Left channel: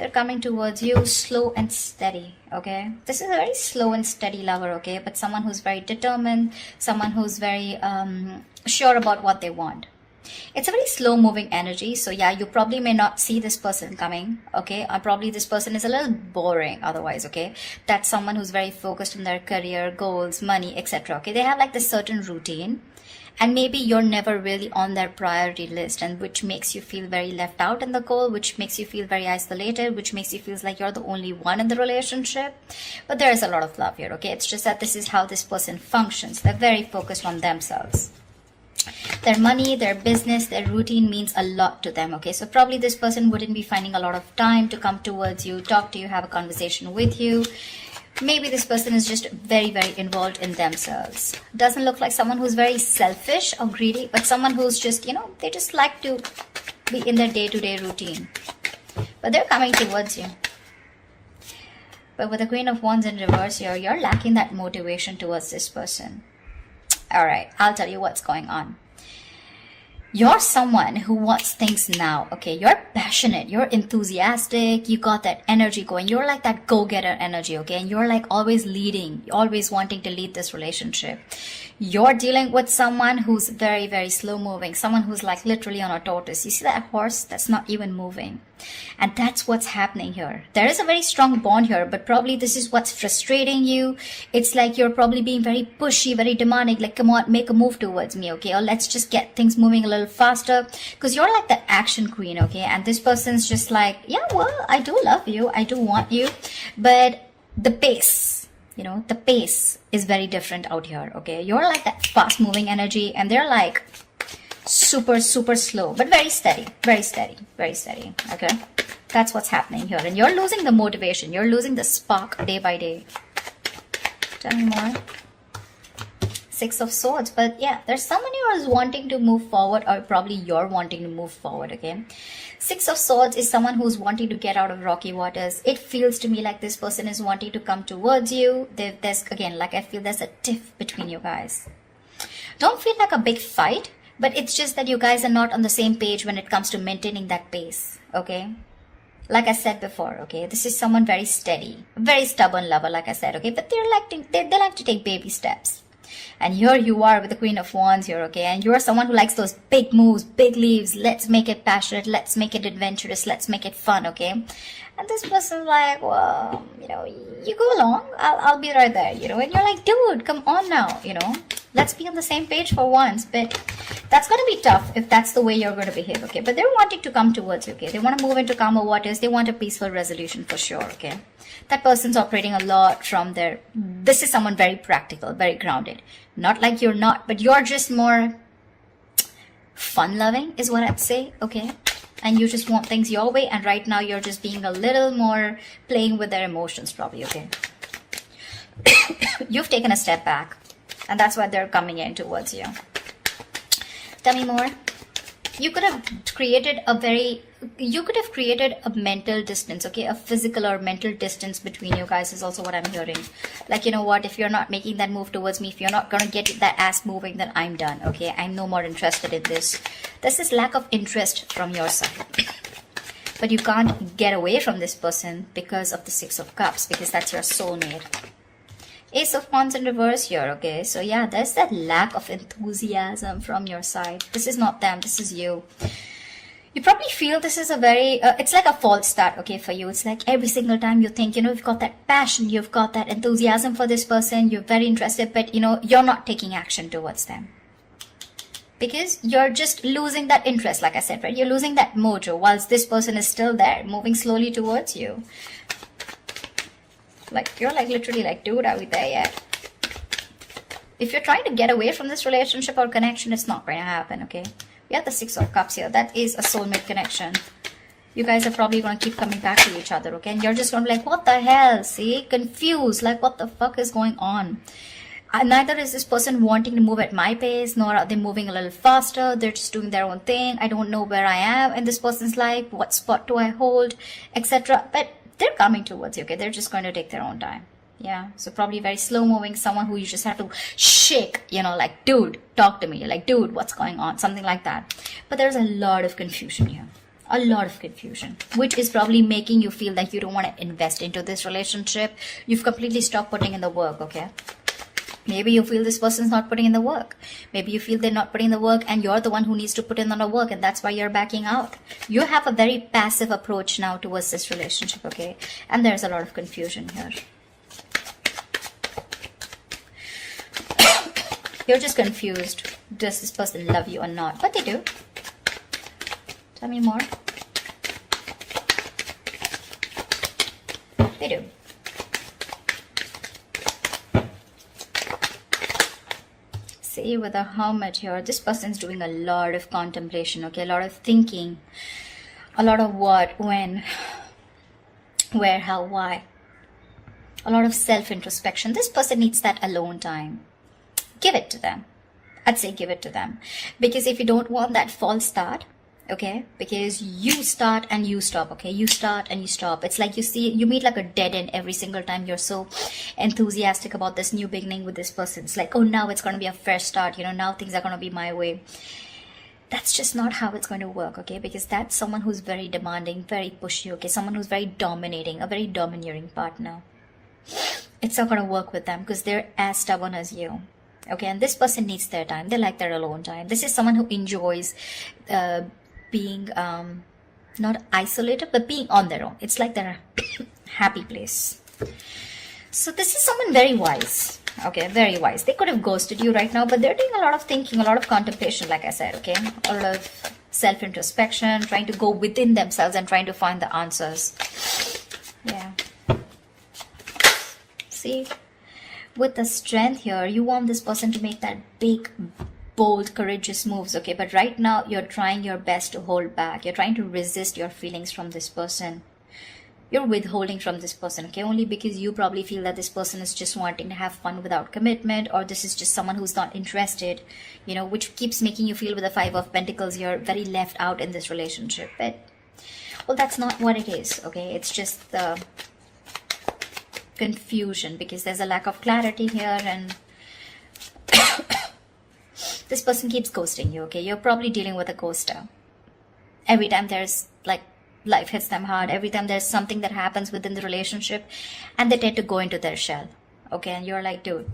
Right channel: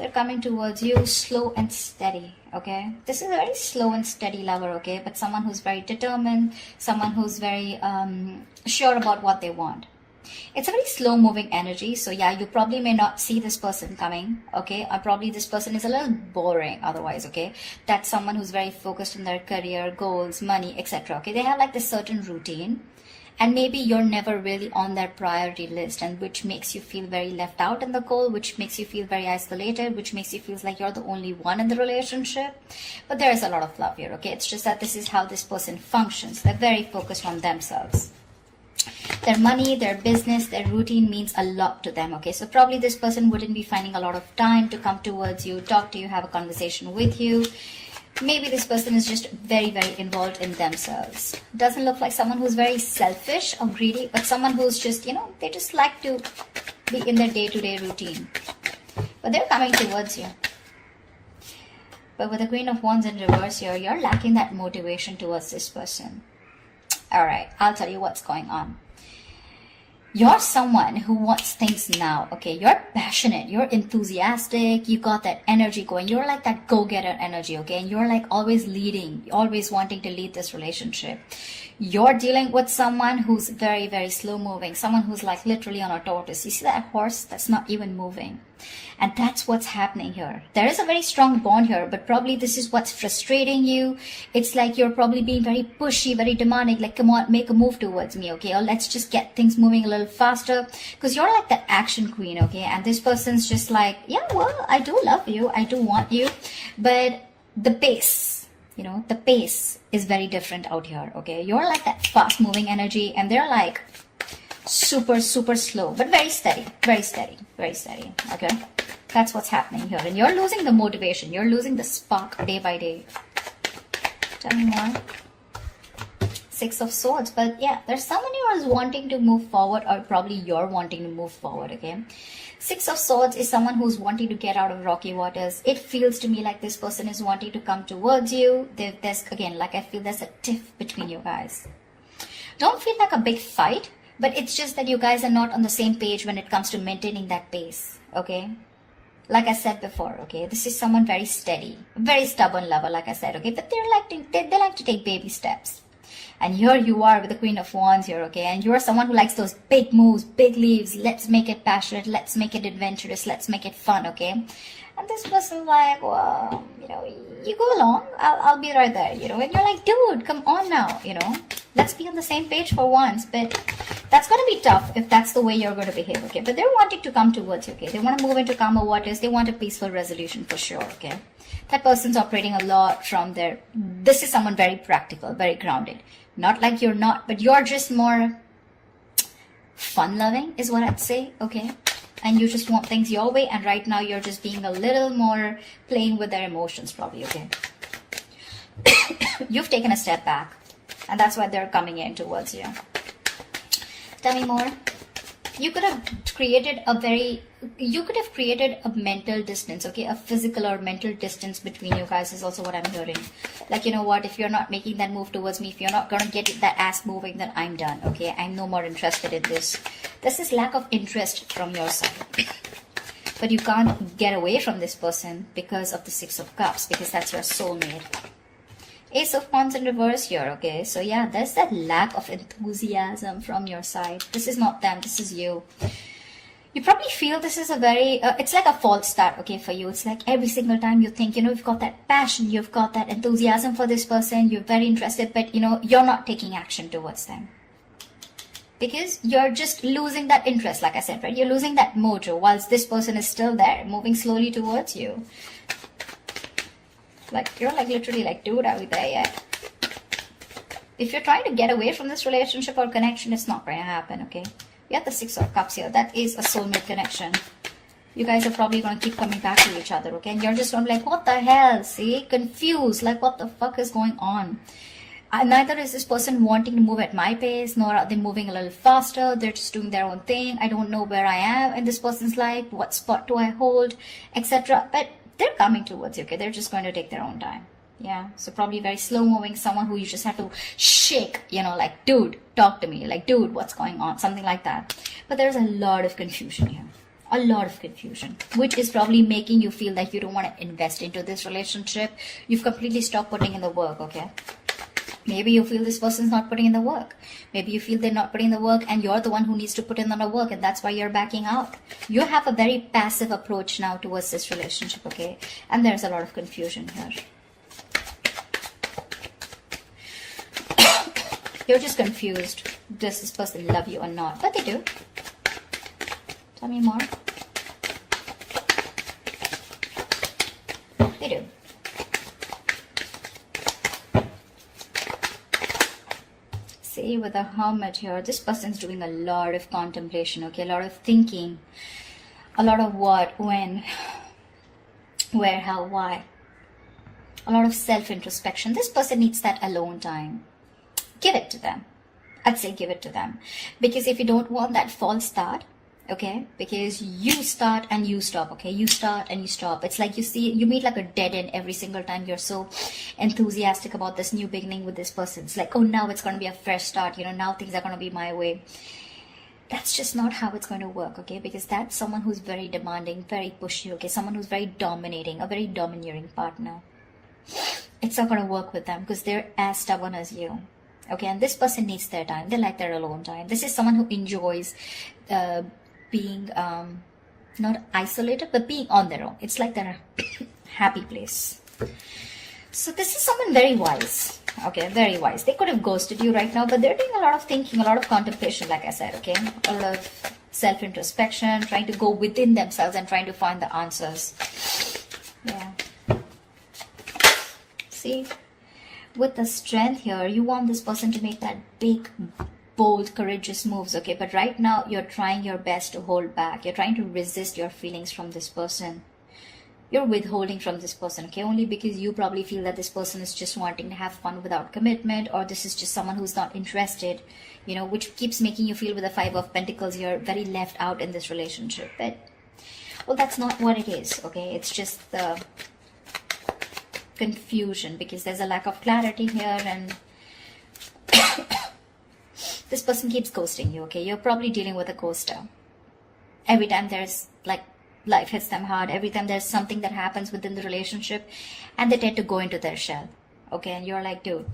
they're coming towards you slow and steady, okay? This is a very slow and steady lover, okay? But someone who's very determined, someone who's very sure about what they want. It's a very slow moving energy, so yeah, you probably may not see this person coming, okay? Or probably this person is a little boring otherwise, okay? That's someone who's very focused on their career, goals, money, etc. Okay, they have like this certain routine, and maybe you're never really on their priority list, and which makes you feel very left out in the goal, which makes you feel very isolated, which makes you feel like you're the only one in the relationship. But there's a lot of love here, okay? It's just that this is how this person functions. They're very focused on themselves. Their money, their business, their routine means a lot to them, okay? So probably this person wouldn't be finding a lot of time to come towards you, talk to you, have a conversation with you. Maybe this person is just very, very involved in themselves. Doesn't look like someone who's very selfish or greedy, but someone who's just, you know, they just like to be in their day-to-day routine. But they're coming towards you. But with the Queen of Wands in reverse here, you're lacking that motivation towards this person. Alright, I'll tell you what's going on. You're someone who wants things now, okay? You're passionate, you're enthusiastic, you got that energy going. You're like that go-getter energy, okay? And you're like always leading, always wanting to lead this relationship. You're dealing with someone who's very, very slow moving, someone who's like literally on a tortoise. You see that horse? That's not even moving. And that's what's happening here. There is a very strong bond here, but probably this is what's frustrating you. It's like you're probably being very pushy, very demanding, like, come on, make a move towards me, okay? Or let's just get things moving a little faster, because you're like the action queen, okay? And this person's just like, yeah, well, I do love you, I do want you, but the pace, you know, the pace is very different out here, okay? You're like that fast moving energy, and they're like super, super slow, but very steady, very steady, very steady, okay? That's what's happening here. And you're losing the motivation, you're losing the spark day by day. Tell me more. Six of Swords. But yeah, there's someone who is wanting to move forward, or probably you're wanting to move forward, okay? Six of Swords is someone who's wanting to get out of rocky waters. It feels to me like this person is wanting to come towards you. There's, again, like I feel there's a tiff between you guys. Don't feel like a big fight, but it's just that you guys are not on the same page when it comes to maintaining that pace, okay? Like I said before, okay, this is someone very steady, very stubborn lover, like I said, okay? But they like to take baby steps. And here you are with the Queen of Wands here, okay? And you're someone who likes those big moves, big leaves. Let's make it passionate. Let's make it adventurous. Let's make it fun, okay? And this person's like, well, you know, you go along. I'll be right there, you know? And you're like, dude, come on now, you know? Let's be on the same page for once. But that's going to be tough if that's the way you're going to behave, okay? But they're wanting to come towards you, okay? They want to move into calmer waters. They want a peaceful resolution for sure, okay? That person's operating a lot from their... This is someone very practical, very grounded. Not like you're not, but you're just more fun-loving is what I'd say, okay? And you just want things your way, and right now you're just being a little more playing with their emotions probably, okay? You've taken a step back, and that's why they're coming in towards you. Tell me more. You could have created a mental distance, okay? A physical or mental distance between you guys is also what I'm hearing. Like, you know what, if you're not making that move towards me, if you're not going to get that ass moving, then I'm done, okay? I'm no more interested in this. This is lack of interest from your side. But you can't get away from this person because of the Six of Cups, because that's your soulmate. Ace of Wands in reverse here, okay? So yeah, there's that lack of enthusiasm from your side. This is not them, this is you. You probably feel this is a very, it's like a false start, okay, for you. It's like every single time you think, you know, you've got that passion, you've got that enthusiasm for this person, you're very interested, but, you know, you're not taking action towards them. Because you're just losing that interest, like I said, right? You're losing that mojo, whilst this person is still there, moving slowly towards you. Like, you're like literally like, dude, are we there yet? If you're trying to get away from this relationship or connection, it's not going to happen, okay? We have the Six of Cups here. That is a soulmate connection. You guys are probably going to keep coming back to each other, okay? And you're just going to be like, what the hell? See? Confused. Like, what the fuck is going on? Neither is this person wanting to move at my pace, nor are they moving a little faster. They're just doing their own thing. I don't know where I am in this person's life. What spot do I hold? Etc. But they're coming towards you, okay? They're just going to take their own time. Yeah, so probably very slow moving, someone who you just have to shake, you know, like, dude, talk to me, like, dude, what's going on, something like that. But there's a lot of confusion here, A lot of confusion, which is probably making you feel like you don't want to invest into this relationship. You've completely stopped putting in the work, okay? Maybe you feel this person's not putting in the work. Maybe you feel they're not putting in the work and you're the one who needs to put in the work, and that's why you're backing out. You have a very passive approach now towards this relationship, okay? And there's a lot of confusion here. You're just confused. Does this person love you or not? But they do. Tell me more. They do. See, with the Hermit here, this person's doing a lot of contemplation, okay? A lot of thinking. A lot of what, when, where, how, why. A lot of self-introspection. This person needs that alone time. Give it to them. I'd say give it to them. Because if you don't want that false start, okay, because you start and you stop, okay, you start and you stop. It's like you meet like a dead end every single time. You're so enthusiastic about this new beginning with this person. It's like, oh, now it's going to be a fresh start, you know, now things are going to be my way. That's just not how it's going to work, okay, because that's someone who's very demanding, very pushy, okay, someone who's very dominating, a very domineering partner. It's not going to work with them because they're as stubborn as you. Okay, and this person needs their time. They like their alone time. This is someone who enjoys being not isolated, but being on their own. It's like their happy place. So this is someone very wise. Okay, very wise. They could have ghosted you right now, but they're doing a lot of thinking, a lot of contemplation, like I said, okay? A lot of self-introspection, trying to go within themselves and trying to find the answers. Yeah. See? With the Strength here, you want this person to make that big, bold, courageous moves, okay? But right now, you're trying your best to hold back. You're trying to resist your feelings from this person. You're withholding from this person, okay? Only because you probably feel that this person is just wanting to have fun without commitment, or this is just someone who's not interested, you know, which keeps making you feel with the Five of Pentacles, you're very left out in this relationship. But, well, that's not what it is, okay? It's just the confusion because there's a lack of clarity here, and this person keeps ghosting you, okay? You're probably dealing with a ghoster. Every time there's like life hits them hard, every time there's something that happens within the relationship, and they tend to go into their shell, okay? And you're like, dude,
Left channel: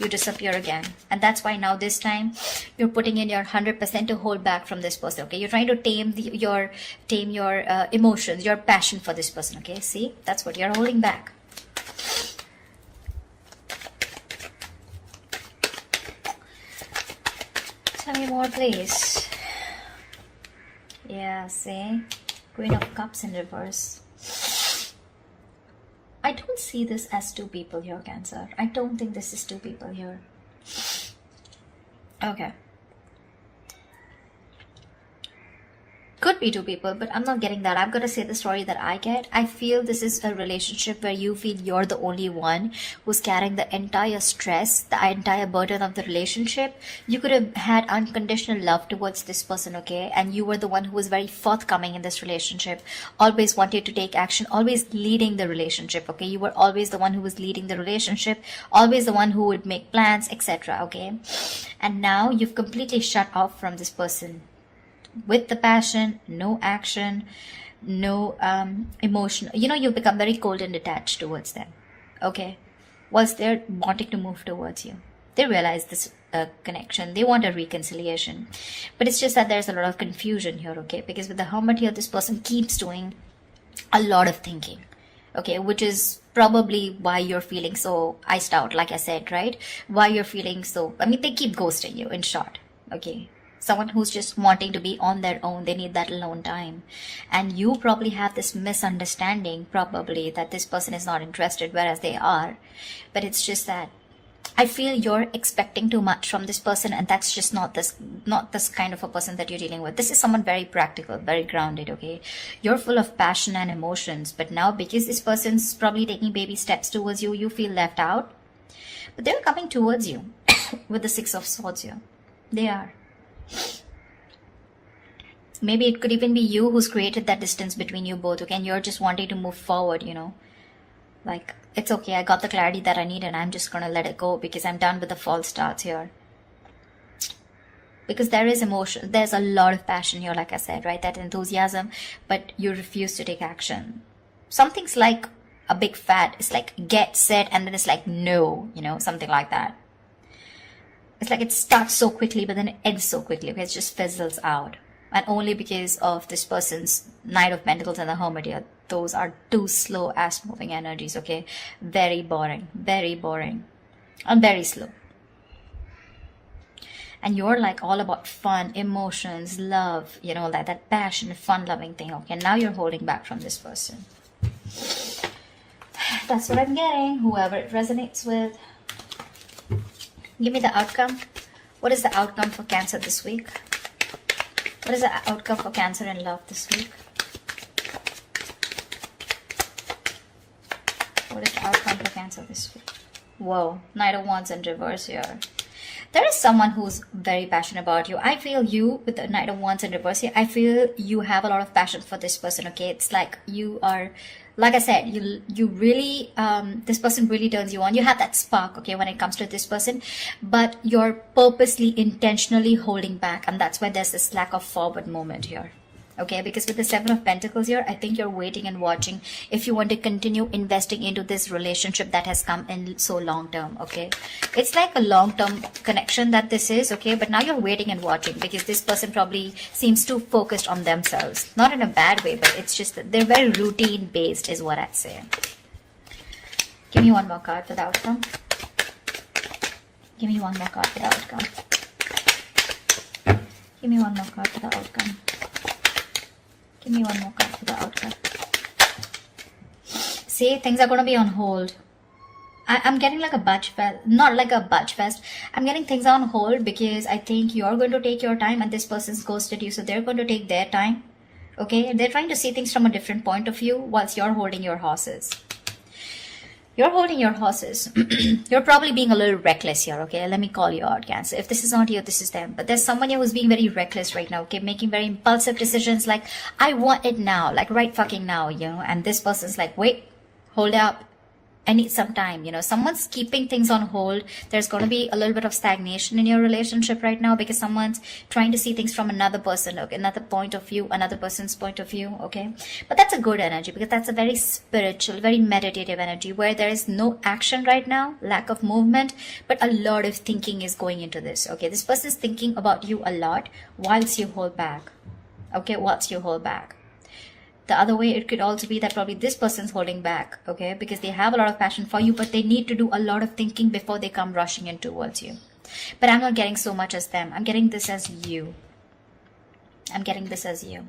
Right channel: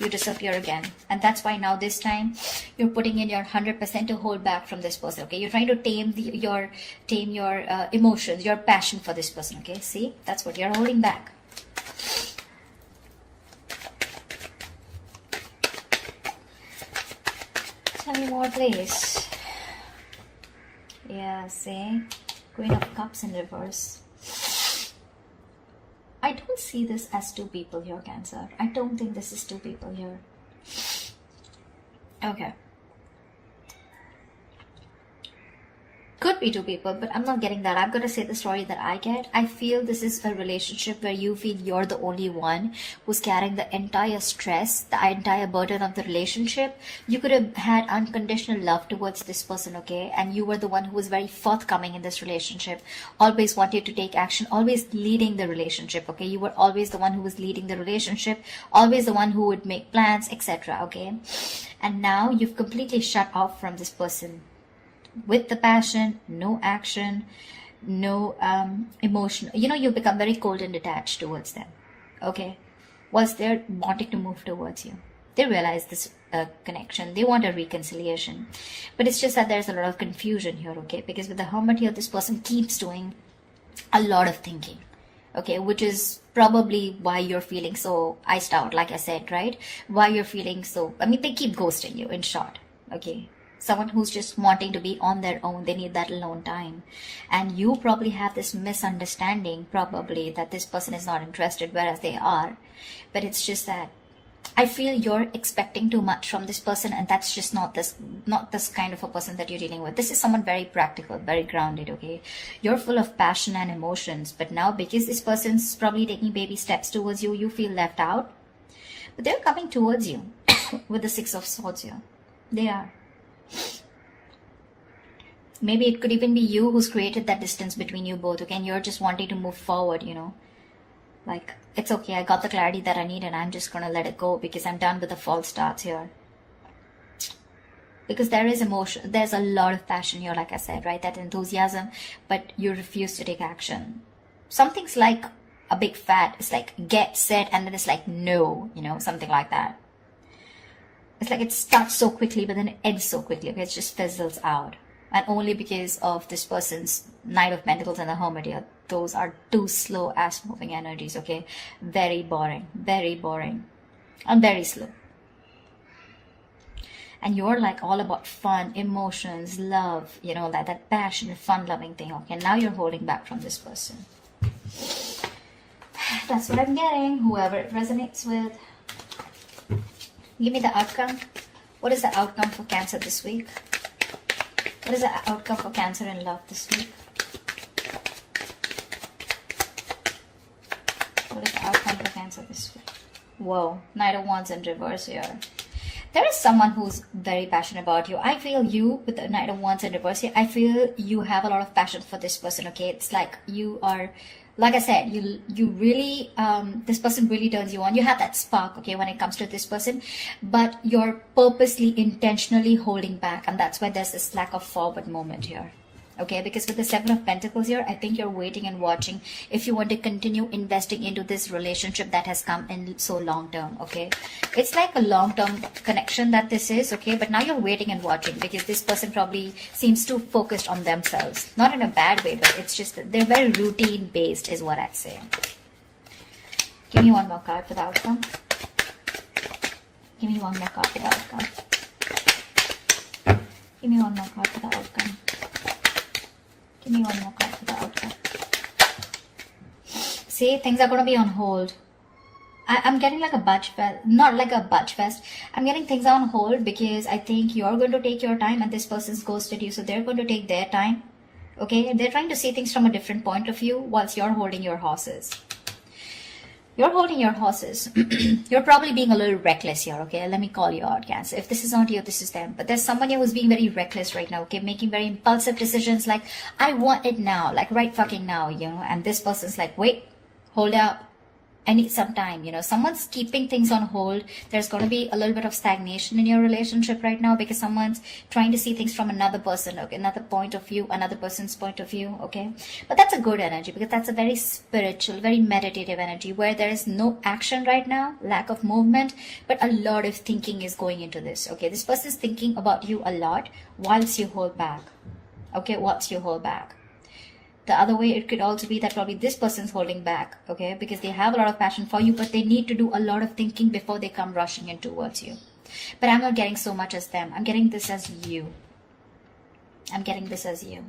you disappear again. And that's why now this time you're putting in your 100% to hold back from this person, okay? You're trying to tame your emotions, your passion for this person, okay? See, that's what you're holding back. Tell me more, please. Yeah, see, Queen of Cups in reverse. I don't see this as two people here, Cancer. I don't think this is two people here. Okay. Could be two people, but I'm not getting that. I'm going to say the story that I get. I feel this is a relationship where you feel you're the only one who's carrying the entire stress, the entire burden of the relationship. You could have had unconditional love towards this person, okay? And you were the one who was very forthcoming in this relationship, always wanted to take action, always leading the relationship, okay? You were always the one who was leading the relationship, always the one who would make plans, etc., okay? And now you've completely shut off from this person. With the passion, no action, no emotion. You know, you've become very cold and detached towards them, okay? Whilst they're wanting to move towards you. They realize this connection. They want a reconciliation. But it's just that there's a lot of confusion here, okay? Because with the Hermit here, this person keeps doing a lot of thinking, okay? Which is probably why you're feeling so iced out, like I said, right? Why you're feeling so... I mean, they keep ghosting you, in short, okay? Someone who's just wanting to be on their own. They need that alone time. And you probably have this misunderstanding, probably, that this person is not interested, whereas they are. But it's just that I feel you're expecting too much from this person, and that's just not this kind of a person that you're dealing with. This is someone very practical, very grounded, okay? You're full of passion and emotions, but now because this person's probably taking baby steps towards you, you feel left out. But they're coming towards you with the Six of Swords here. They are. Maybe it could even be you who's created that distance between you both, okay? And you're just wanting to move forward, you know? Like, it's okay, I got the clarity that I need and I'm just gonna let it go because I'm done with the false starts here. Because there is emotion, there's a lot of passion here, like I said, right? That enthusiasm, but you refuse to take action. Something's like a big fat. It's like get set and then it's like no, you know, something like that. It's like it starts so quickly, but then it ends so quickly. Okay, it just fizzles out. And only because of this person's Knight of Pentacles and the Hermit here. Those are two slow ass moving energies, okay? Very boring, and very slow. And you're like all about fun, emotions, love, you know, like that passionate, fun-loving thing, okay? Now you're holding back from this person. That's what I'm getting. Whoever it resonates with. Give me the outcome. What is the outcome for Cancer this week? What is the outcome for Cancer in love this week? What is the outcome for Cancer this week? Whoa, Knight of Wands in reverse here. There is someone who's very passionate about you. I feel you with the Knight of Wands in reverse here. I feel you have a lot of passion for this person, okay? It's like you are, like I said, you really, this person really turns you on. You have that spark, okay, when it comes to this person, but you're purposely, intentionally holding back, and that's why there's this lack of forward movement here. Okay, because with the Seven of Pentacles here, I think you're waiting and watching if you want to continue investing into this relationship that has come in so long term, okay? It's like a long-term connection that this is, okay? But now you're waiting and watching because this person probably seems too focused on themselves. Not in a bad way, but it's just that they're very routine-based is what I'd say. Give me one more card for the outcome. Give me one more card for the outcome. Give me one more card for the outcome. Give me one more card for the outcome. See, things are going to be on hold. I'm getting like a budge fest, not like a budge fest. I'm getting things on hold because I think you're going to take your time and this person's ghosted you. So they're going to take their time. Okay, they're trying to see things from a different point of view whilst you're holding your horses. You're holding your horses. You're probably being a little reckless here, okay? Let me call you out, Cancer. If this is not you, this is them. But there's someone here who's being very reckless right now, okay? Making very impulsive decisions like, I want it now, like right fucking now, you know? And this person's like, wait, hold up. I need some time, you know. Someone's keeping things on hold. There's going to be a little bit of stagnation in your relationship right now because someone's trying to see things from another person, okay, another point of view, another person's point of view, okay. But that's a good energy because that's a very spiritual, very meditative energy where there is no action right now, lack of movement, but a lot of thinking is going into this, okay. This person is thinking about you a lot whilst you hold back, okay, whilst you hold back. The other way, it could also be that probably this person's holding back, okay, because they have a lot of passion for you, but they need to do a lot of thinking before they come rushing in towards you. But I'm not getting so much as them. I'm getting this as you. I'm getting this as you.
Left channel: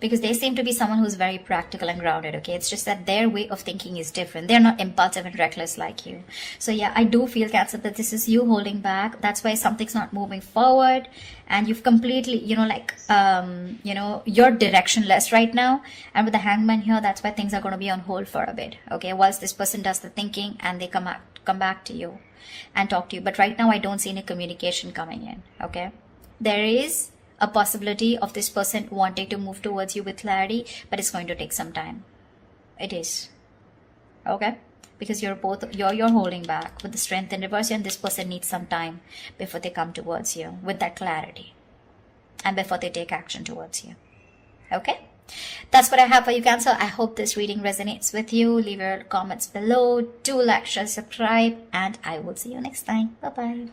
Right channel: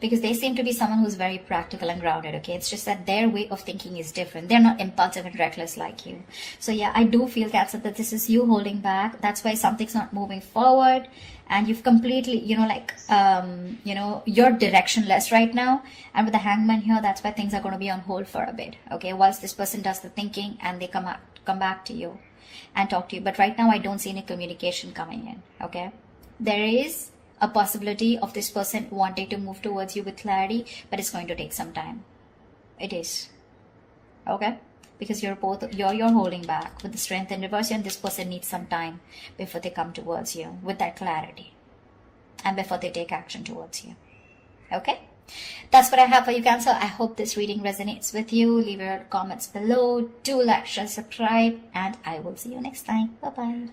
Because they seem to be someone who's very practical and grounded, okay? It's just that their way of thinking is different. They're not impulsive and reckless like you. So yeah, I do feel, Cancer, that this is you holding back. That's why something's not moving forward. And you've completely, you know, like, you know, you're directionless right now. And with the Hangman here, that's why things are going to be on hold for a bit, okay? Whilst this person does the thinking and they come back to you and talk to you. But right now, I don't see any communication coming in, okay? There is a possibility of this person wanting to move towards you with clarity, but it's going to take some time. It is, okay? Because you're holding back with the Strength in reverse, and this person needs some time before they come towards you with that clarity and before they take action towards you, okay? That's what I have for you, Cancer. I hope this reading resonates with you. Leave your comments below. Do like, share, subscribe, and I will see you next time. Bye-bye.